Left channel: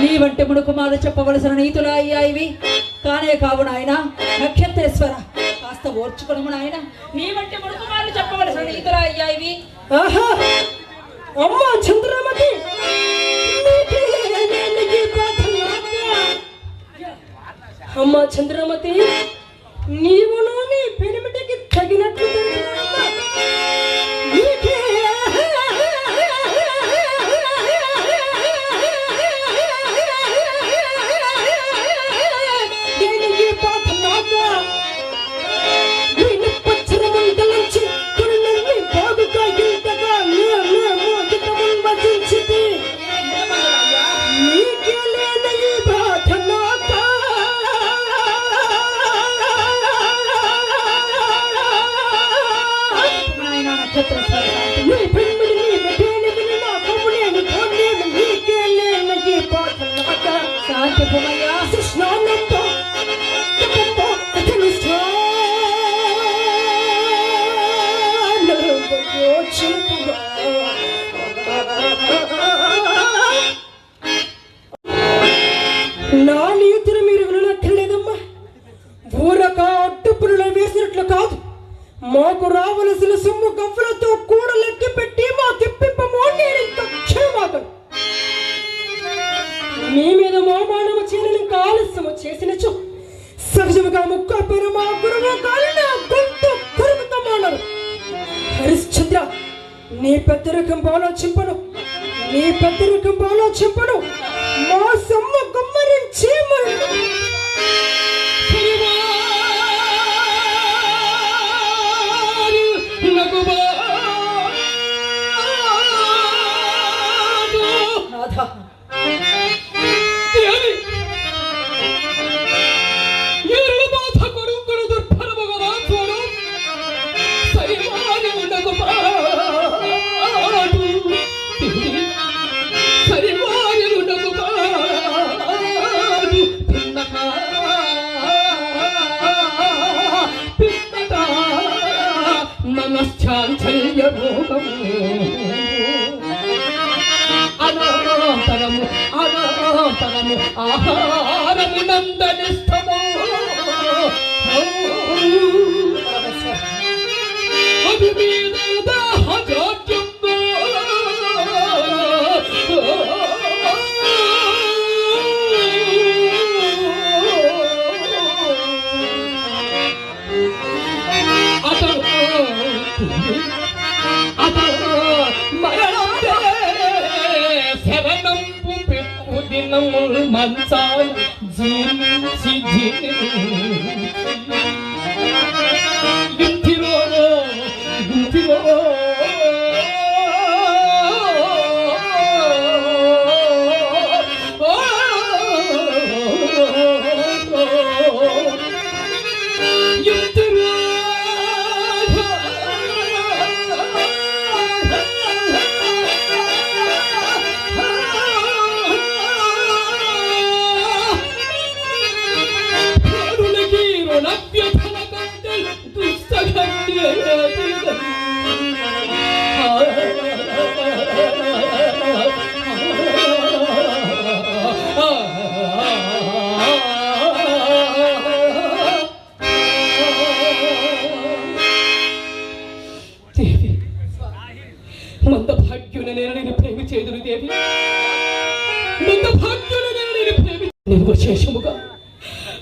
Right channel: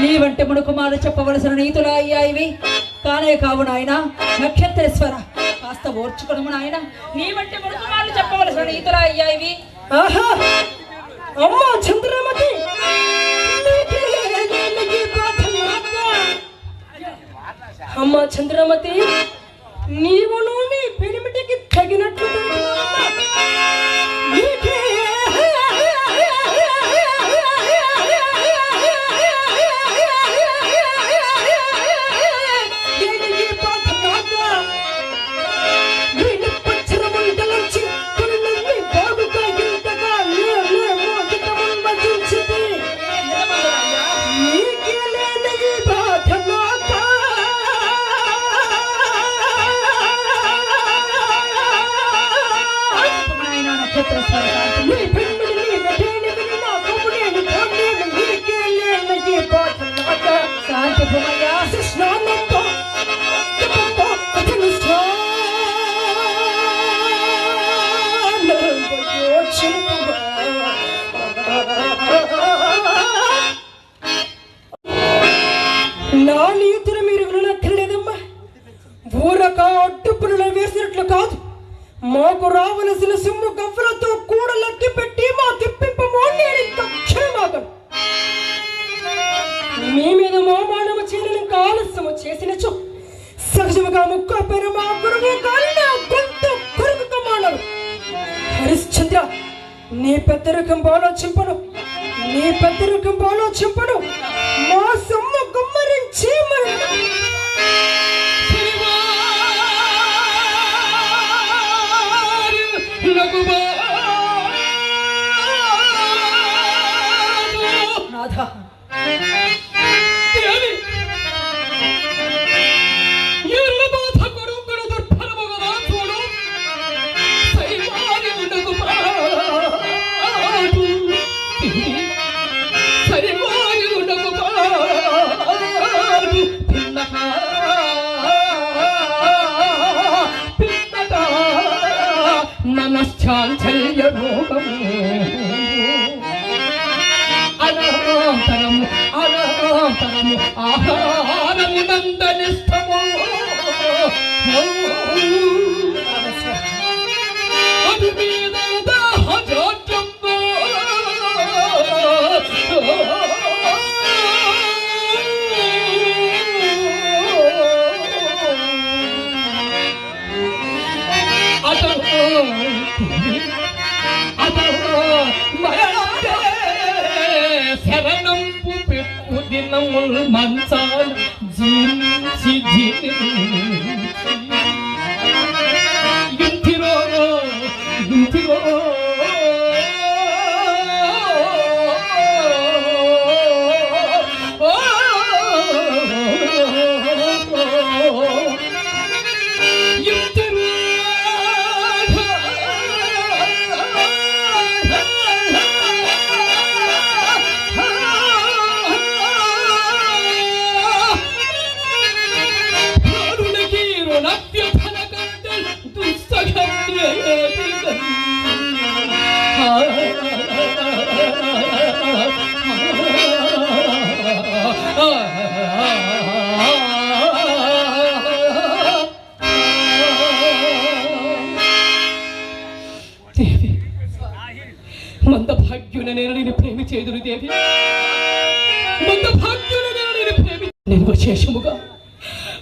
నీ వంటి మునుకుమారు చెప్పవలసిన నీతులా అయ్యా ఇవి. కానే కావు నాయన నక్షత్రేశ్వర. కాస్త ఓర్చుకునము నాయన. నీ వంటి మునుకుమారు చెప్పవలసిన నీతులా అయ్యా ఇవి. ఆహా! అమ్మ చంద్రమతి! అమ్మ చంద్రమతి! నీవును నీ పిడిమిటికి తగినట్లు ఊరక వేసినట్లు కాదు. మాకు రావలసిన సొమ్ము గవ్వలతో కూడా లెక్క పెట్టి మా తెప్పింపమో నేను మీ మీద మోమానము చేయని ఆలస్యము చేసినచు సహజముగా ముక్కపైన మా గురువు గారి గొంతు కొరుకుతో మానరు. హరిశ్చంద్ర నీ పెద్దరికం బాలో ఆలోచింపను నీ పెద్దరికం బాలో ఆలోచింపను మా సొమ్మ గుమ్మరించి নকুবা అనంతరము ఆహారము నందనిస్త దేవి ప్రేమ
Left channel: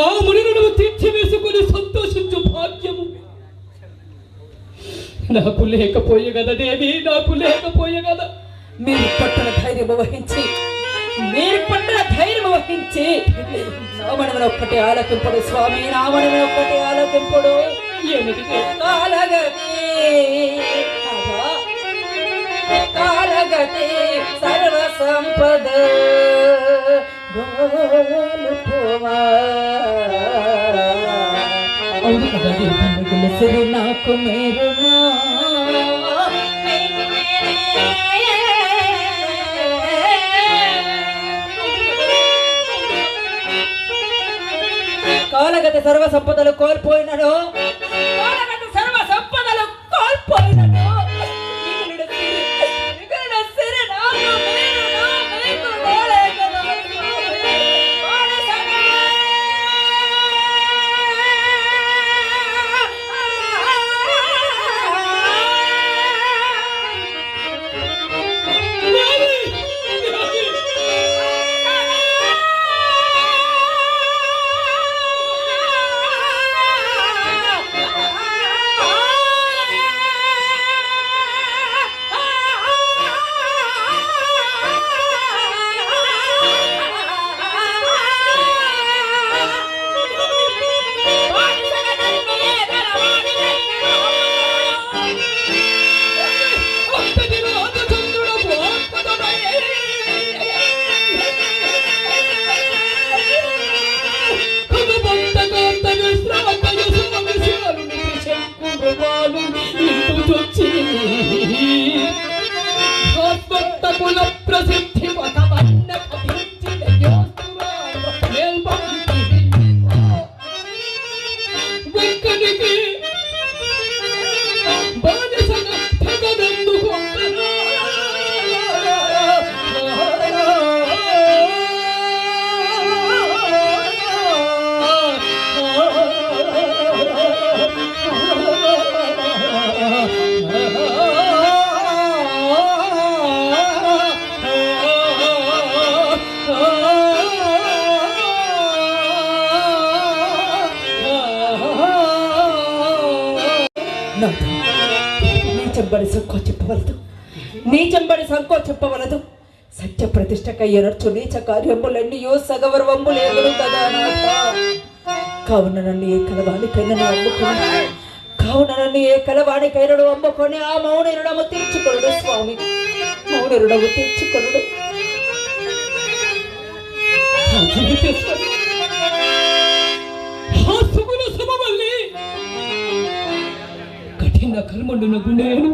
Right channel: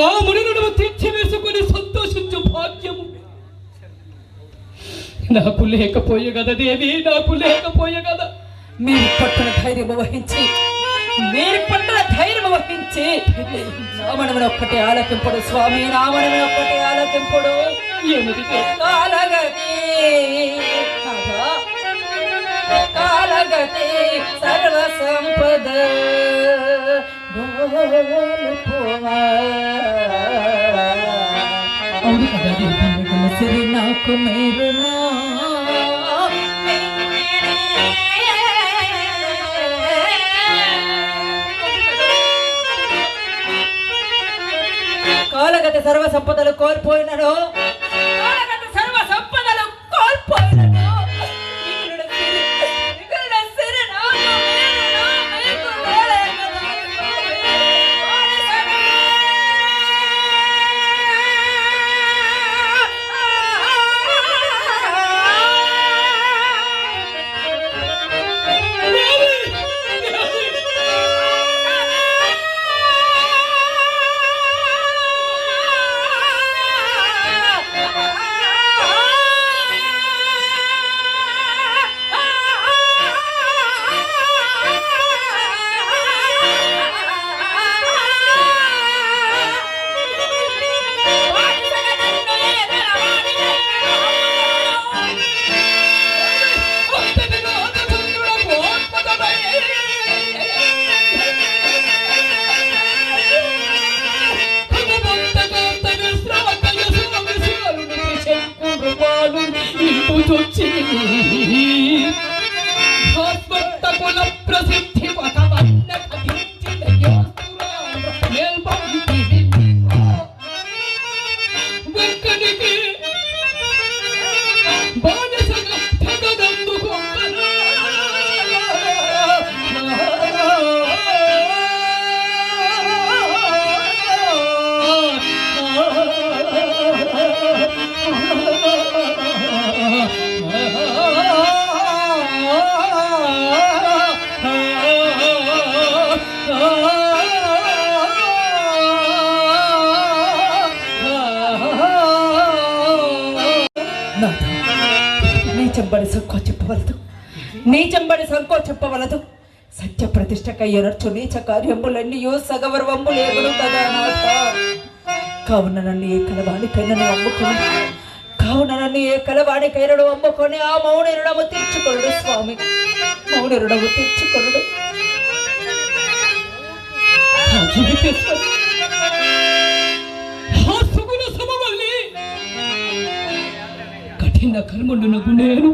ఆ మునులను తీర్చివేసుకుని సంతోషించు భాగ్యము. నాకు లేకపోయే కదా దేవి నాకు లేకపోయే కదా. మీరు పట్టణ ధైర్యం వహించి మీరు పట్టణ ధైర్యం వహించి రావణమైన ఒక్కటే ఆలకింపడు స్వామి రావణమైన ఒక్కటే ఆలకింపడు. ఏమిటి కాలగతి? కాలగతి సర్వ సంపద అవును నాకు కాలగతి సర్వ సంపదలు కోల్పోయినాడు చెప్పవలదు. నీచంబడి సంకోచప్పవలదు సత్య ప్రతిష్టకయ్యనర్చు నీచ కార్యములన్నీయో సగవర్వంబులు ఎవరు కదా కావున నన్ను ఏ కలవాడికైనను అమ్ముకుని కావున నన్ను ఏ కలవాడికైనను అమ్ముకొని ఆ మౌన రుణము తీర్చుకొనుడు స్వామి. మౌన రుణము తీర్చుకొనుడు కఠిన కర్మలు నగు నేను.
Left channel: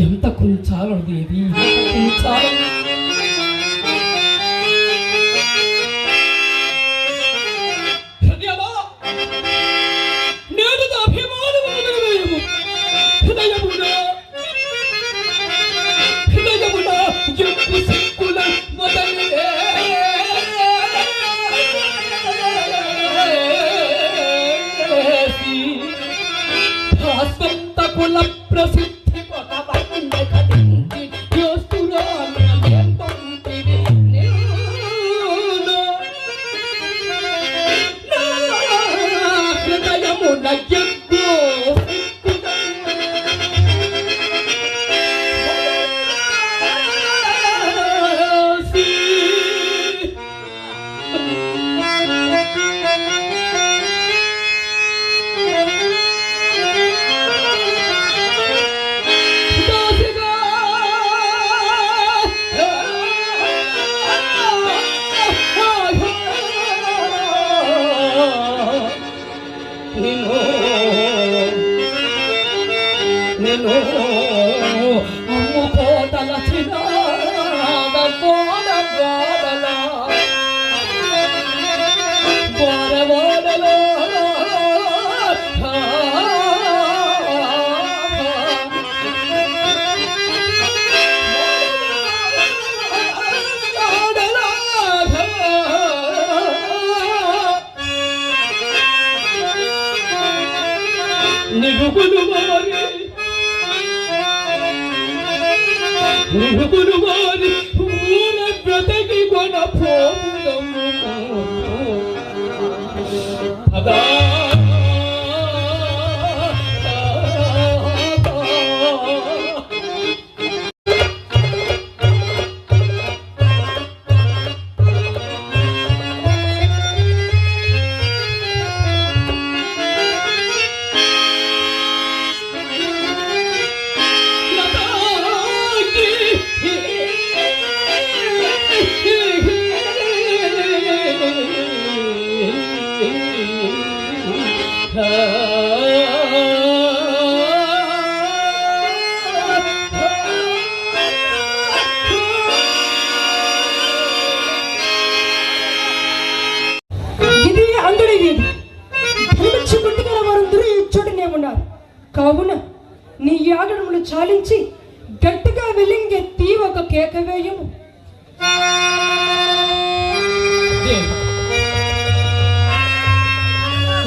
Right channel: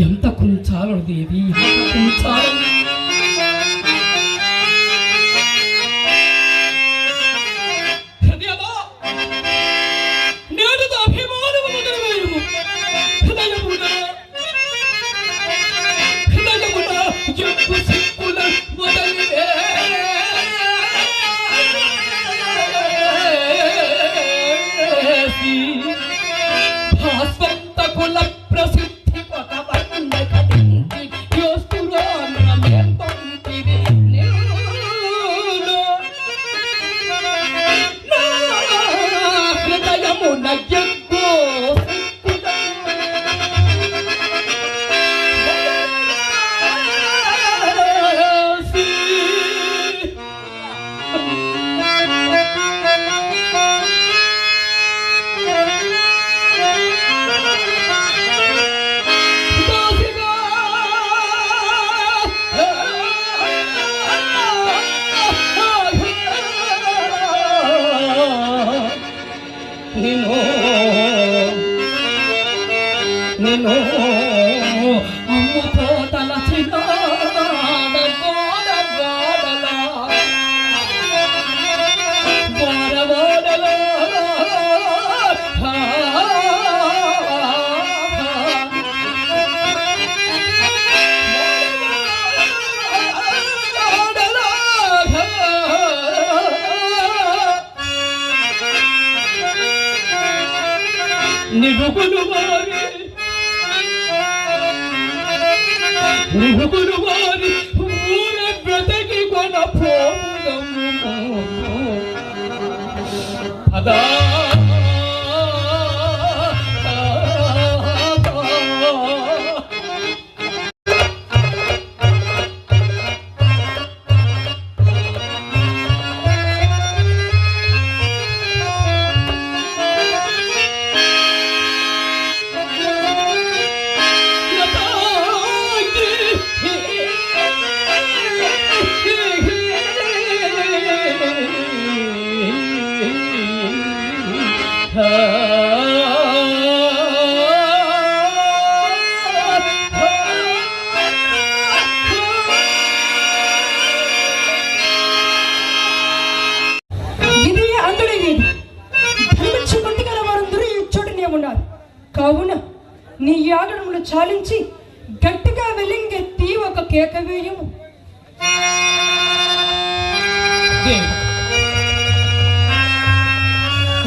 ఎంత కుంచాలడు దేవి కుంచాల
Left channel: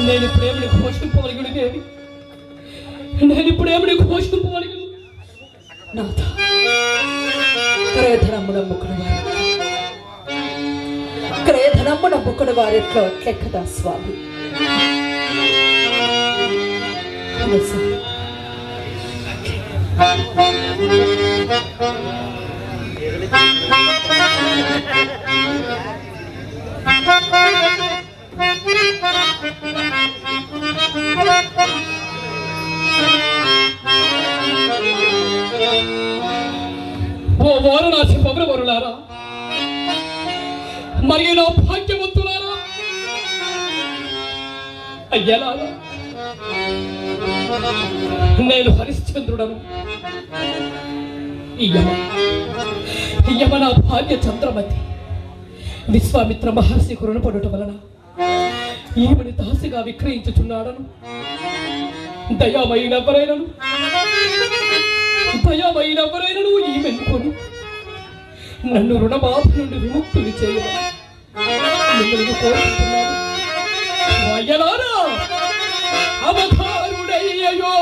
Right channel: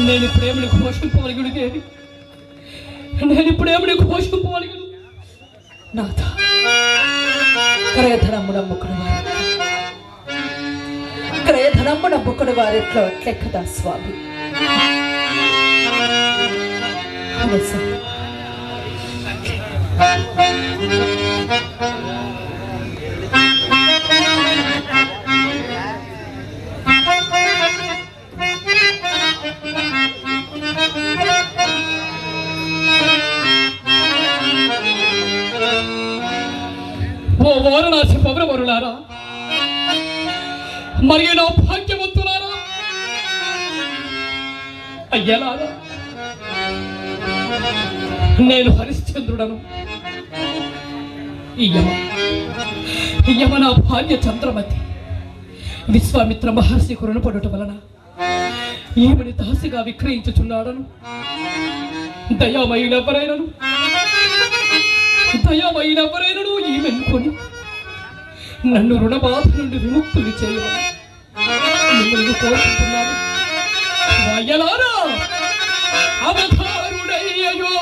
నేను ప్రేమను పోషింపగలిగిన దేవి నేను ఇప్పుడు పోషింపగలిగిన నాథ క్రయధనముడమ్ముకుడు వారి క్రయధనముడమ్ముకుడు వారిట్లో లెక్కదా స్వామి? Thank you. ఓ నా పౌరవరులారా మరిగిన భాగ్యవంతులారా? అయ్యలారా నేను హరిశ్చంద్రుడను. యమ యమ నా భాగ్య చంద్రమతి విశ్వామిత్ర మహర్షి కురుణ పడుట వలన ఈమెను దాసిగా విక్రయించుచున్నాడను. దయామయులెవరైనను? దయామయులెవరైనను ఈమెను కొని? నన్ను రుణబాధ నుండి విముక్తులు చేయాలి మిమ్మల్ని కోరుకుంటున్నాను. అవతారుడయ్యో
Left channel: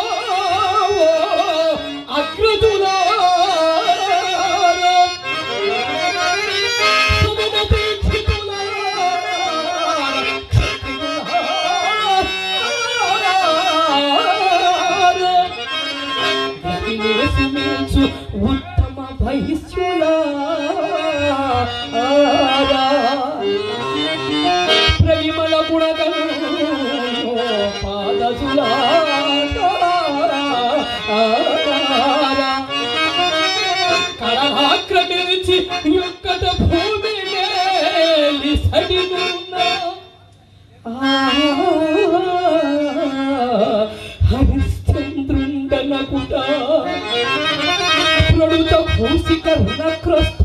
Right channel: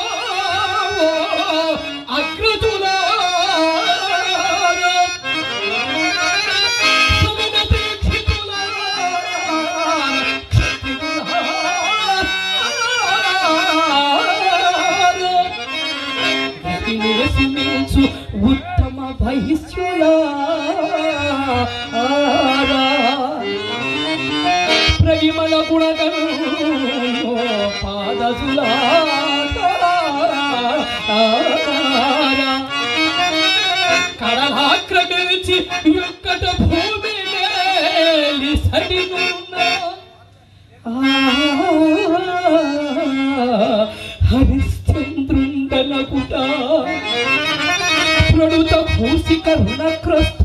হুলক্রস্ত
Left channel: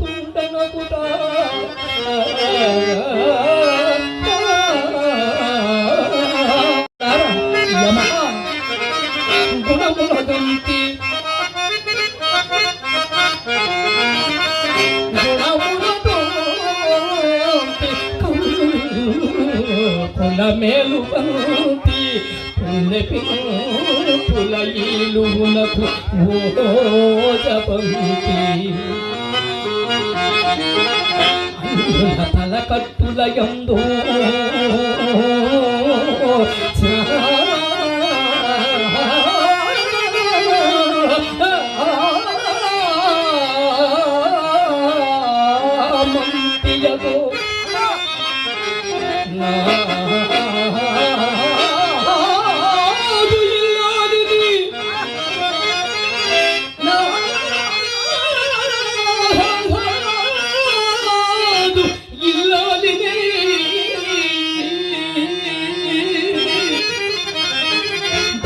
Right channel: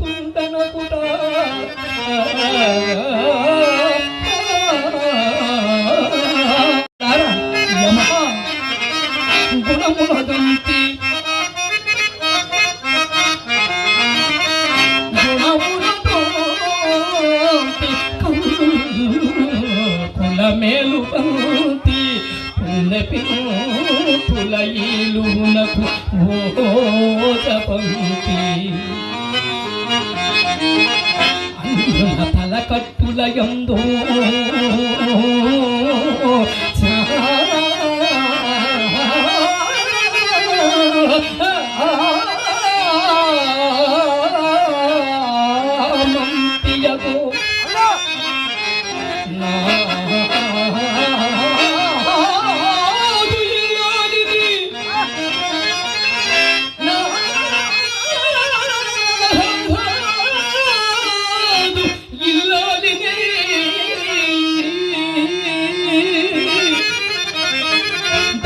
నాకు ఓజపంతి అందున తల కట్టులయందు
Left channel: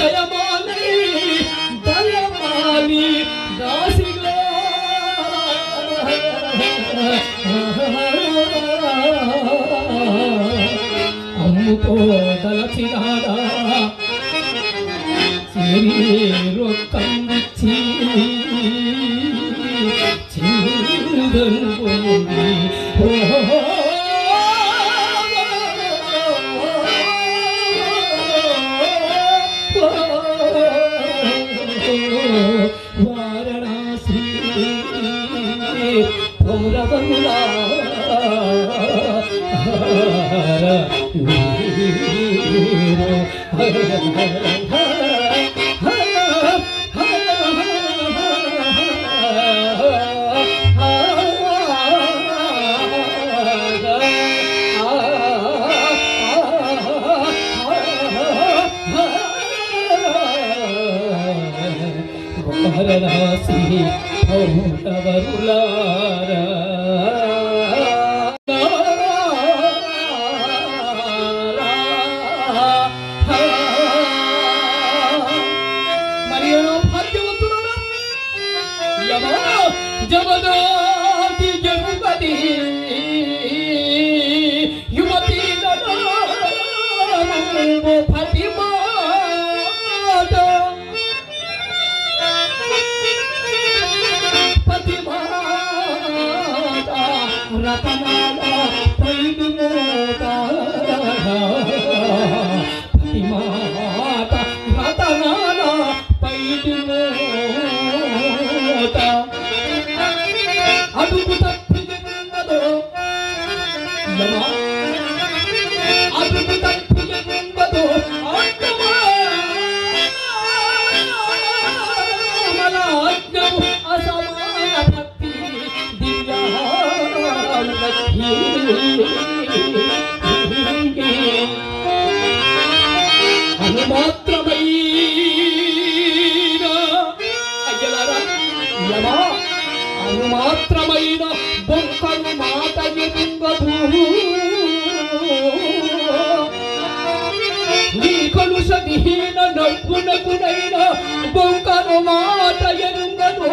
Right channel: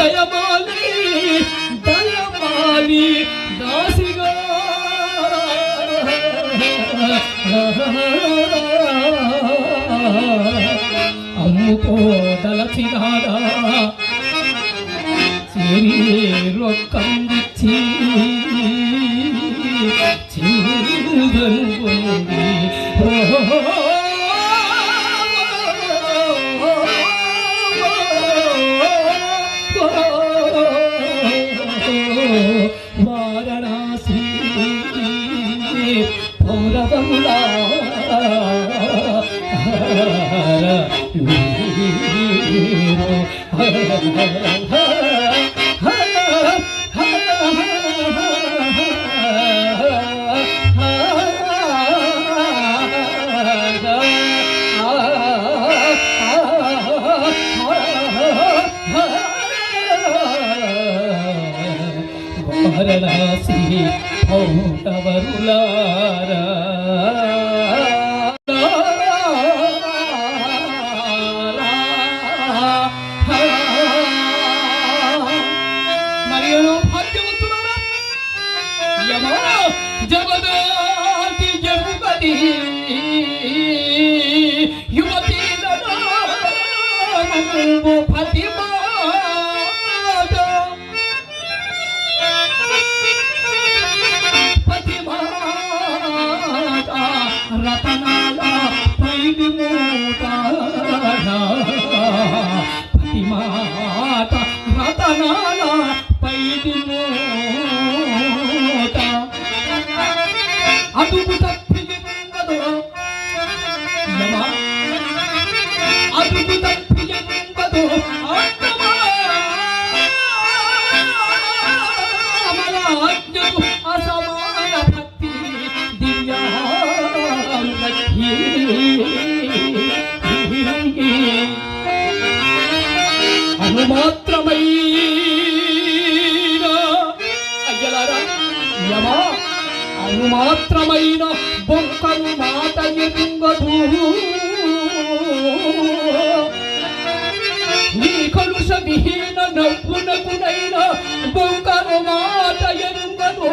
Jaya Mo. వారణాసి పౌంటవరులా ಜಗದಾತಿ ಜಗಪತಿ ಯುವತಿ కుంకను మాట ఎరుగను.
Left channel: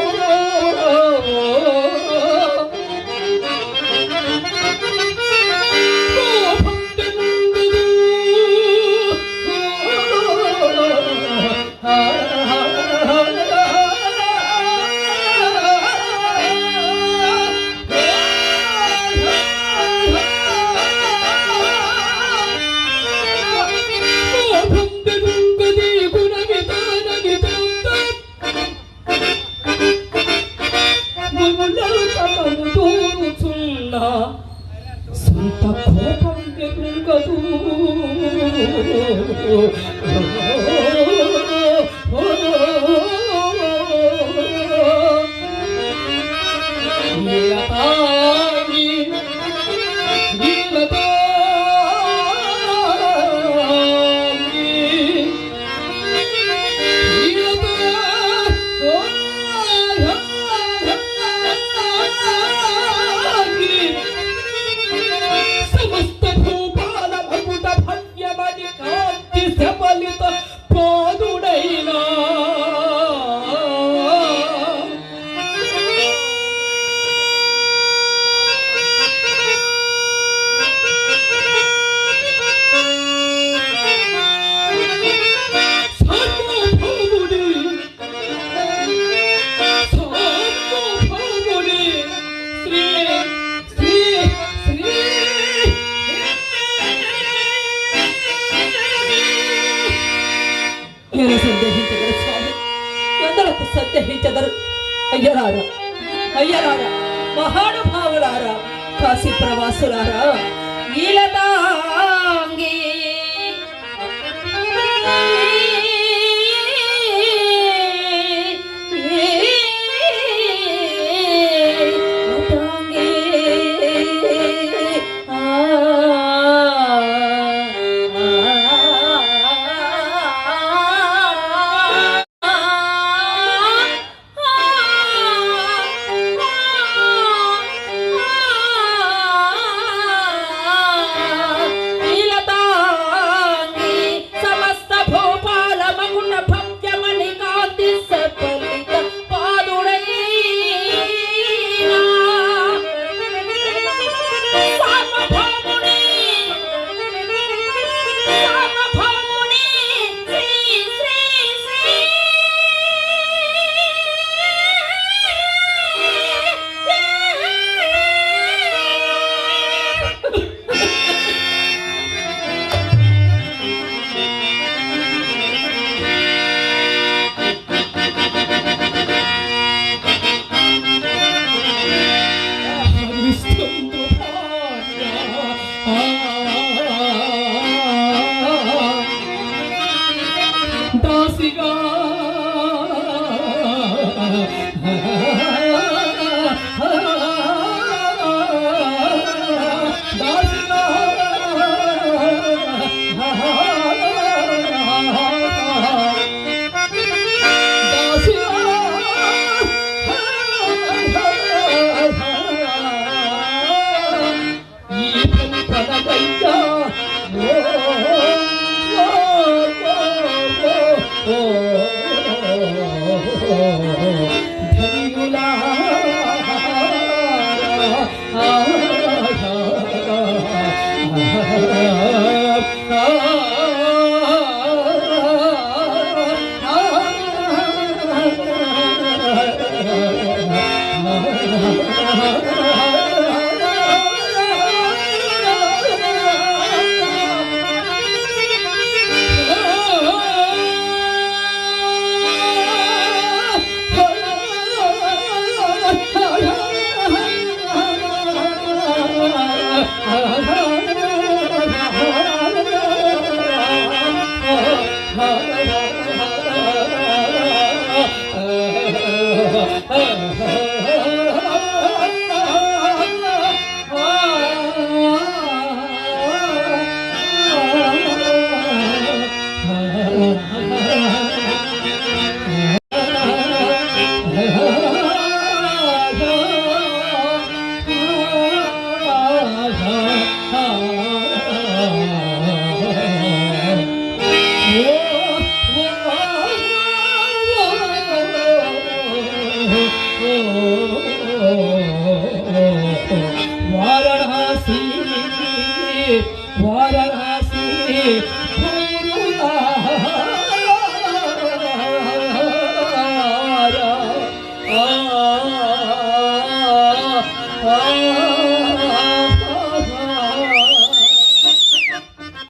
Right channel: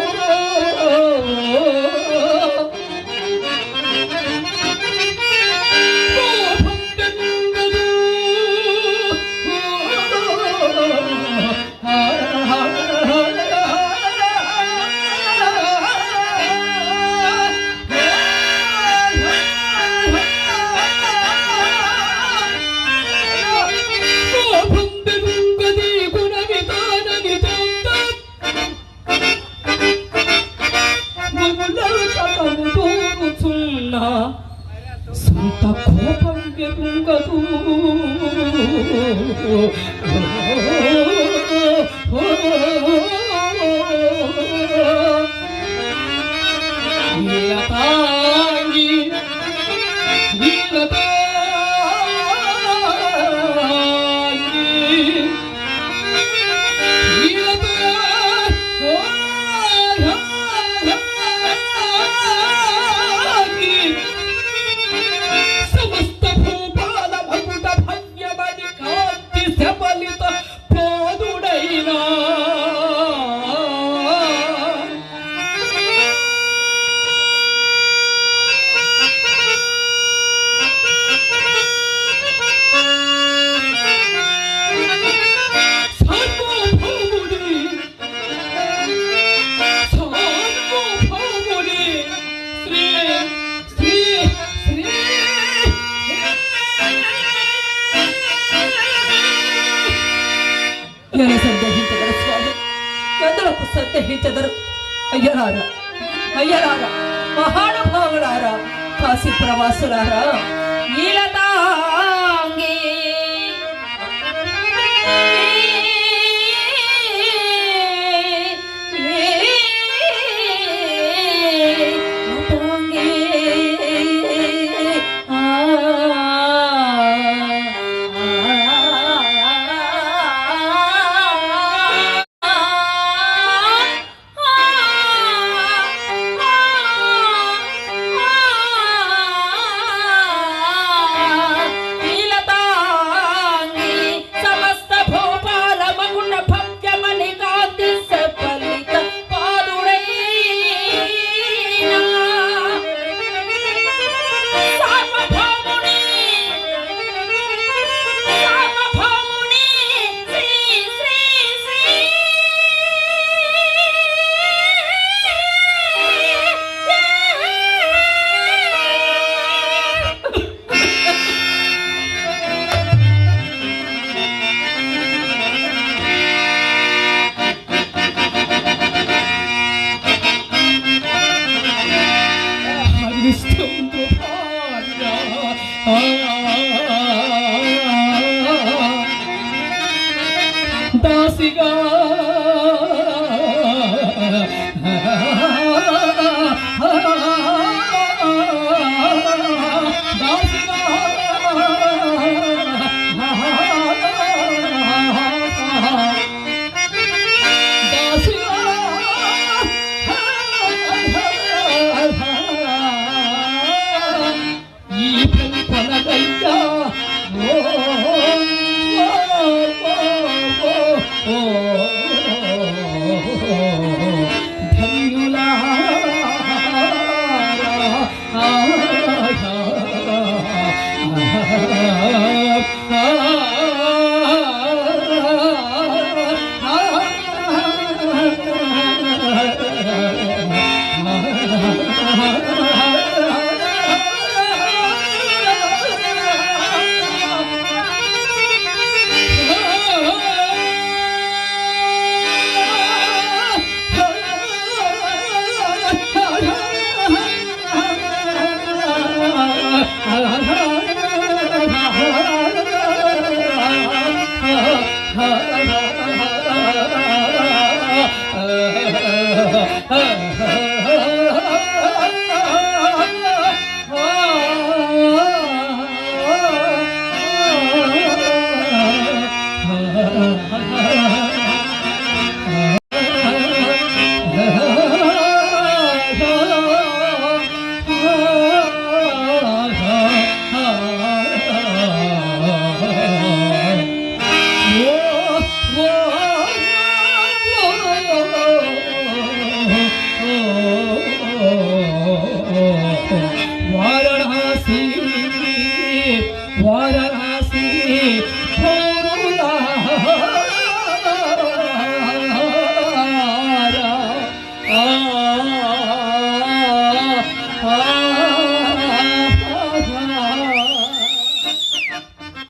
Surara